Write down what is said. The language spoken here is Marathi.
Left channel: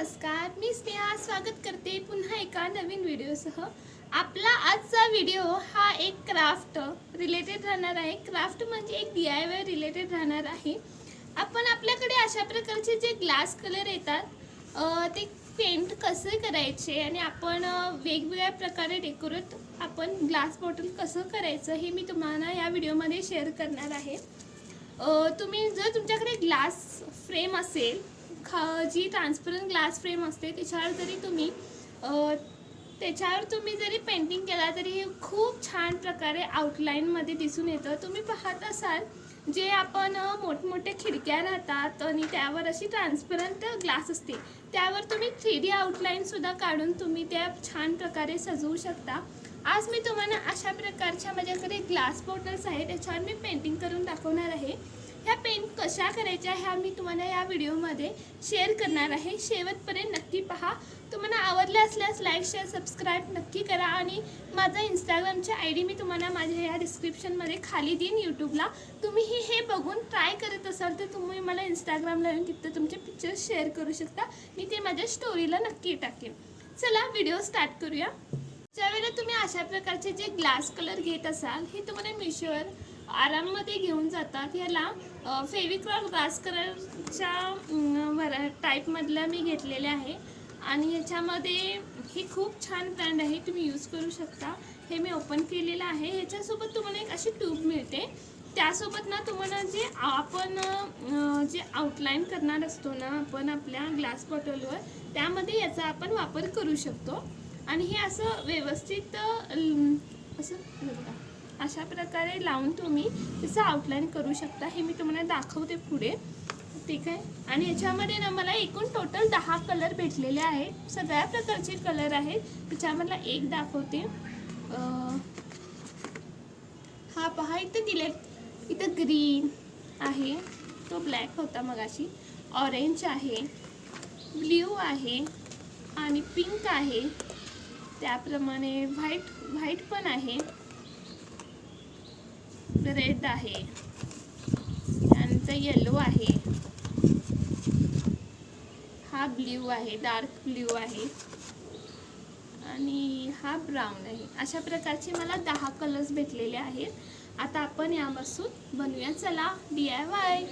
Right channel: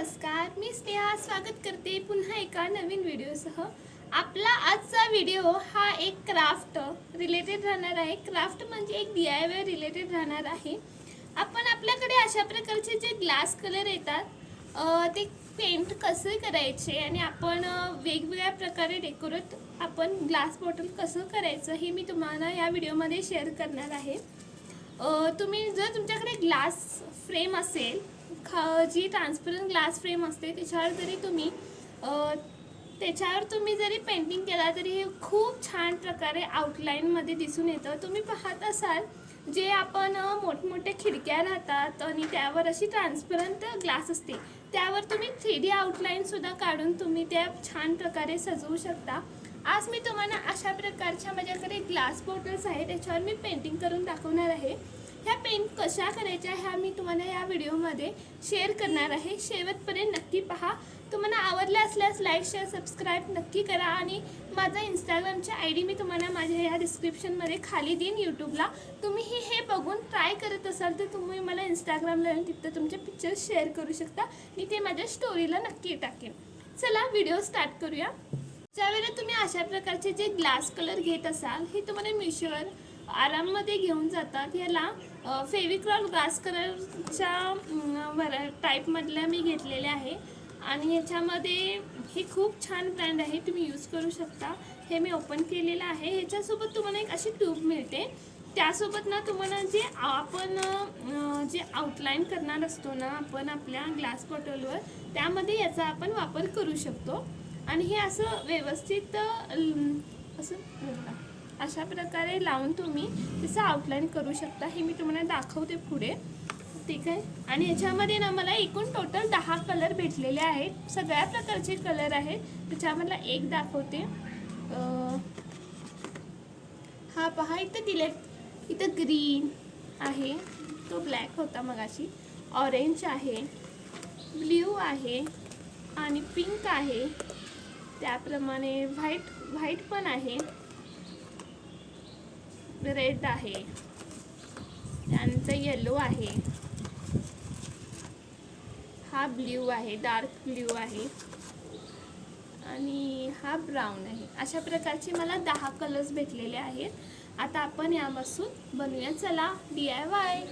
नमस्कार, मी स्नेहा स्वागत करते पुन्हा एका नवीन व्हिडिओसह। आपला आजचा व्हिडिओ हा एक क्राफ्ट रिलेटेड राहणार आहे। क्राफ्ट म्हणजे एक DIY रिलेटेड राहणार आहे। आपण आपल्याकडे अशा प्रकारचे जे ग्लास कलर येतात ते पेंट कसे करायचे आणि आपण वेगवेगळ्या प्रकारे डेकोरेट आपण ग्लास बॉटल कसं करायचं हे मी तुम्हाला या व्हिडिओमध्ये शेअर करणार आहे। तुम्ही जर तुमच्याकडे ग्लास फ्रेम असेल, जी ट्रान्सपरंट ग्लास फ्रेम असते, त्याच्यावर तुम्ही जरी पेंटिंग केला तरी हे खूप छान प्रकारे आउटलाईनमध्ये दिसून येतं। तुम्ही पाहत असाल जे आपण मोठमोठे खिडक्या राहतात आणि त्यावर अशी ट्रान्सपरंट ग्लास असते, त्यावर तुम्ही 3D आउटलाईनसुद्धा काढून तुम्ही त्या छान प्रकारे सजवू शकता। आज मी तुम्हाला अशा प्रकारच्या माझ्याकडे ग्लास बॉटल्स आहेत, त्याच्यावर मी पेंटिंग करून दाखवणार आहे। ह्या पेंट कशा करायच्या ह्या मी तुम्हाला या व्हिडिओमध्ये शेअर करणार आहे। शेवटपर्यंत नक्की पहा। तुम्हाला आवडले असल्यास लाईक शेअर सबस्क्राईब नक्की करा आणि माझा इंस्टाग्रामचा ID मी तुम्हाला माझ्या या डिस्क्रिप्शनमध्ये खाली देईन यूट्यूबला। तुम्ही हे बघून ट्राय करत असाल तर तुम्ही मला इंस्टाग्रामला येऊन तिथं तुमचे पिक्चर्स शेअर करू शकता। मी ते माझ्या स्टोरीला नक्की टाकेन। चला व्हिडिओ स्टार्ट करूया। ज्यावेळेला तुम्ही अशा प्रकारचे जे ग्लास कलर घेत असाल, हे तुम्हाला मिशोवर आराममध्ये घेऊन जातात। याला फेविक्रॉल ग्लास कलरच्या टाईपमधला मी घेतलेले आहे आणि याच्यामध्ये हे खूप छान ब्रँड आहे, तुम्ही यूज करू शकता। हे मी ओपन केलेलं आहे। ह्याच्यासोबत तुम्हाला एक अशी ट्यूब मिळते, त्यासोबत ना तुम्हाला जे आपण जे आउटलाईन करणार असतो ना आपण आपल्या ग्लास बॉटलवर, त्यामध्ये याचा आपण वापर करू शकतो। आणि हे असं व्यवस्थित असं बघा अशा प्रकारे लावून तुम्ही त्याचं आउटलाईन करू शकता। हे मी तुम्हाला दाखवते पुढे, ठीक आहे। आणि ह्याच्यामध्ये ना मला एकूण टोटल 10 कलर भेटलेले आहेत, सगळ्या प्रकारचे कलर आहेत। त्याच्यामधला एक दाखवते। हा पहा इथं दिले, इथं ग्रीन आहे, तो ब्लॅक होता मगाशी, ऑरेंज आहे, ब्ल्यू आहे आणि पिंक आहे, त्याप्रमाणे व्हाईट पण आहे, रेड आहे, त्यानंतर येलो आहे, हा ब्ल्यू आहे, डार्क ब्ल्यू आहे आणि हा ब्राऊन आहे। अशा प्रकारचे मला 10 कलर्स भेटलेले आहेत। आता आपण यापासून बनवूया, चला DIY।